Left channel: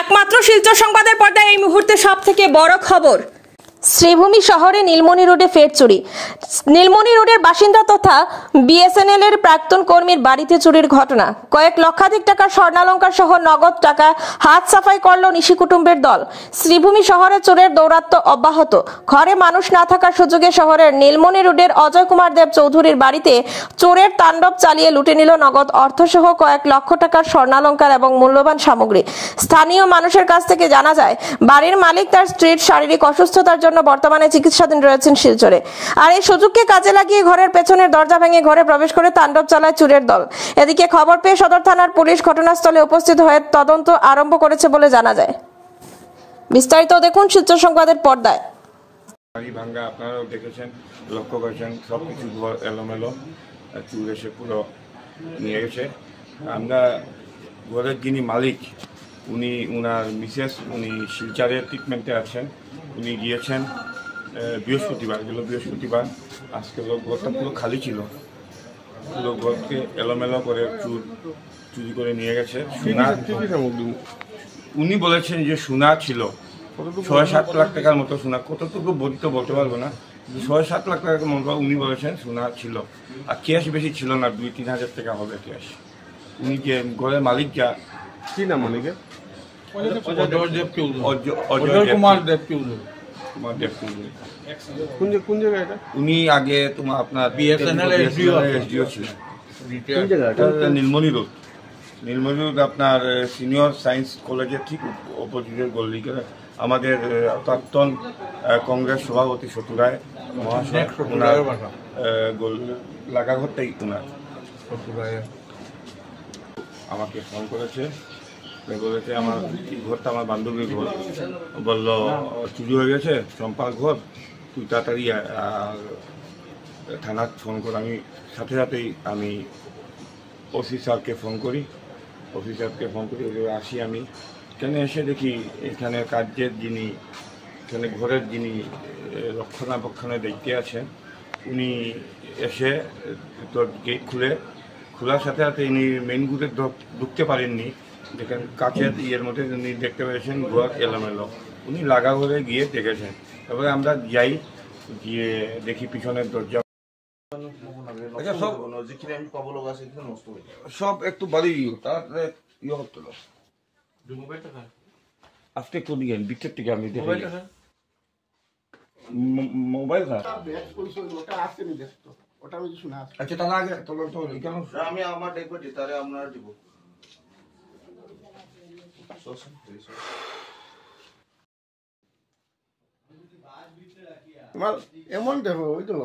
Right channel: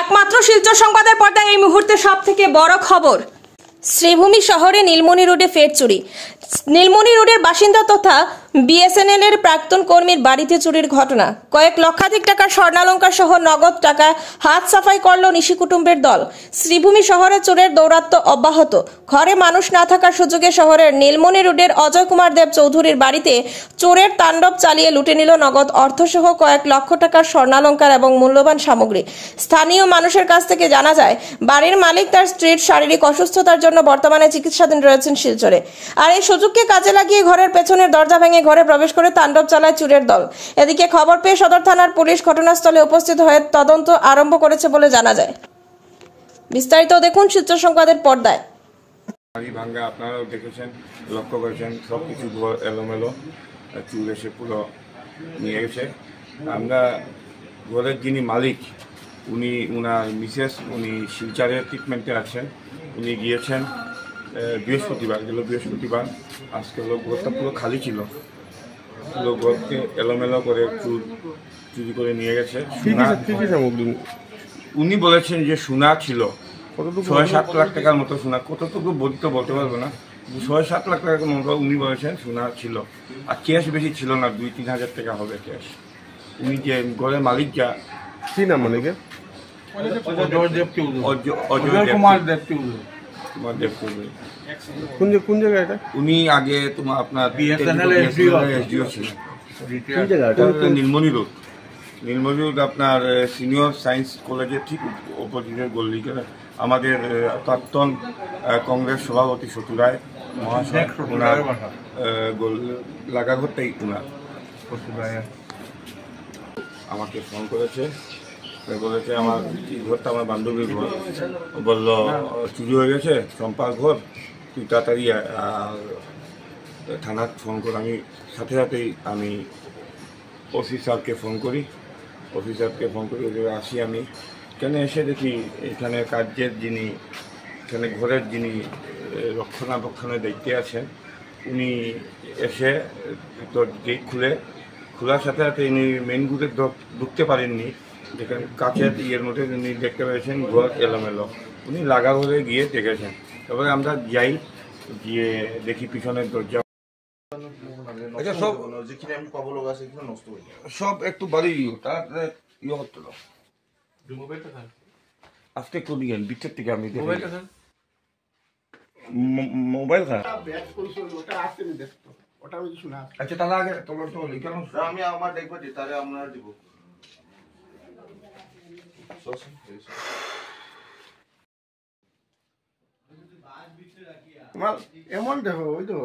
একমাত্র শিলচর সংবাদের পর্দায় এই মুহূর্তে সবথেকে বড় খবর। শ্রীভূমি শহরে নীলমণি রোডে ফের চুরি। নীলমণি রোডের বাসিন্দা তথা বিএসএনএল এর প্রাক্তন কর্মীর বাড়িতে চুরির ঘটনা। কয়েক লক্ষাধিক টাকার স্বর্ণালংকার সহ নগদ টাকা হাত সাফাই করল নিশি কুটুম্বের দল। শ্রীভূমি শহরে চোরের দৌরাত্ম্য অব্যাহত। ঘরে মানুষ না থাকার সুযোগে শহরের নীলমণি রোডের অজয় কুমার দেব চৌধুরীর বাড়িতে চোরের তাণ্ডব চালিয়ে লুটে নিল নগদ অর্থসহ কয়েক লক্ষ টাকার স্বর্ণালংকার এবং মূল্যবান সামগ্রী। স্থানীয় মানুষের কাছ থেকে জানা যায়, বাড়ির মালিক তার স্ত্রীর শারীরিক অসুস্থতার জন্য বর্তমানে চিকিৎসাধীন রয়েছেন শিলচরে। আর এই সুযোগকে কাজে লাগিয়ে ঘরের পেছনের দরজা ভেঙে ঘরে প্রবেশ করে তাণ্ডব চালায় চোরের দল। এদিকে খবর পেয়ে সদর থানার পুলিশ ঘটনাস্থলে উপস্থিত হয়ে তদন্ত আরম্ভ করেছে বলে জানা যায়। বিস্তারিত দেখুন শিলচর সংবাদের পর্দায়। বাড়ি ভাঙ্গা আপনারাও দেখেছেন, লক্ষ্য করেছেন, সবকিছু ঘর এলোমেলো, চুর এসে পুরো নিয়ে গেছে। আমরা ঘরের যিনি মালিক, উনার মিসেস, উনি শিলচরে ট্রিটমেন্টে আছেন। উনি গিয়েছেন বৃহস্পতিবার, বৃহস্পতিবার। আজকে ঘরটা পুরো খালি ছিল, পুরো ঘরকে এলোমেলো করে চুরি করে নিয়ে গেছে। উনি বলেছেন যে সোনা ছিল ৬-৭ লাখ টাকার মতো সোনা, কতটুকু বলতে পারবো না, ৬-৭ লাখ টাকার মতো উনি বলেছেন সোনা ছিল। আর ক্যাশ বেশি ছিল না, ২-৩ হাজার টাকা হবে ক্যাশ। উনি যে ঘরের মালিক, যা কি নাম অনেকে অজয় কুমার দেব চৌধুরী। কোন জায়গায় এটা? উনি আগে আপনার এসডিও ছিলেন। নীলমণি রোড আপনার সিনিয়র সায়েন্স কলেজের ঠিক অপোজিটের গল্লিতে আমাদের প্রাক্তন কংগ্রেস সভাপতি শত্রু রায় মহাশয়, ওনার লাগাঘরটাই ওনার। আমাকে ফোন করেছে, আমার এই ঘরটা আমার বান্ধবীর ঘর। বলল চুরি হয়ে গেছে চম্পার ঘর, তুই তাড়াতাড়ি আর থানার ফোন কর। আমি সাথে সাথেই আমি অফিসারকে ফোন করি, আসি। আমি এখানে এসে দেখি এখানে কার্যের যিনি, এখানে ঘরের যিনি রক্ষণাবেক্ষণের দায়িত্বে আছেন, উনি এসে তো গেট খোলার সাথে সাথে ইনি মেন ঘুরে ঢুকতে পারেননি। যেখানে কাছের ইয়ের মধ্যে উনি দেখতে পেয়েছেন ঘর এলোমেলো। উনি লাগা ঘরে গিয়ে দেখেছেন। তারপরে আমরা যাই, গিয়ে দেখি পিছনের দরজা সব একটু বাড়ি তার ইয়ে হতো না। আজকে কোন গেল বিটের থেকে আমি মোবাইল খারাপ। আচ্ছা, তাহলে আগে আমি আমার দেখবো, তাহলে আপনার দিব। এমন দেখো ওই তো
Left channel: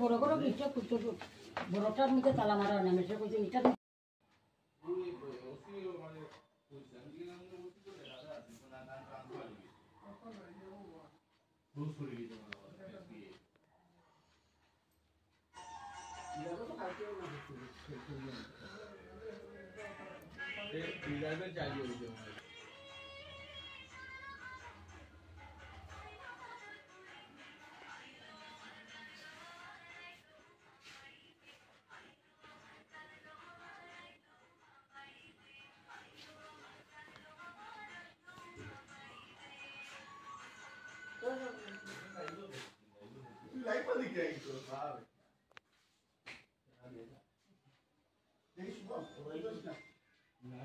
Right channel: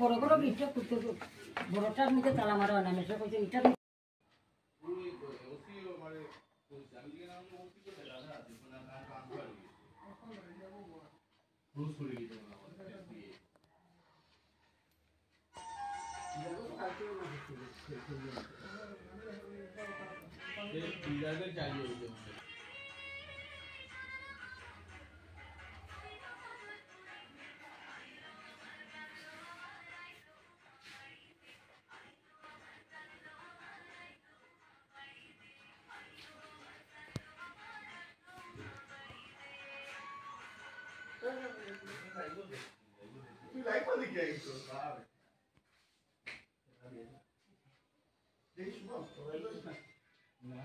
বড় বড় গিটটা খুলতে বড়টার মধ্যে তালা মারা হয় না। মেশা কইছে এটা না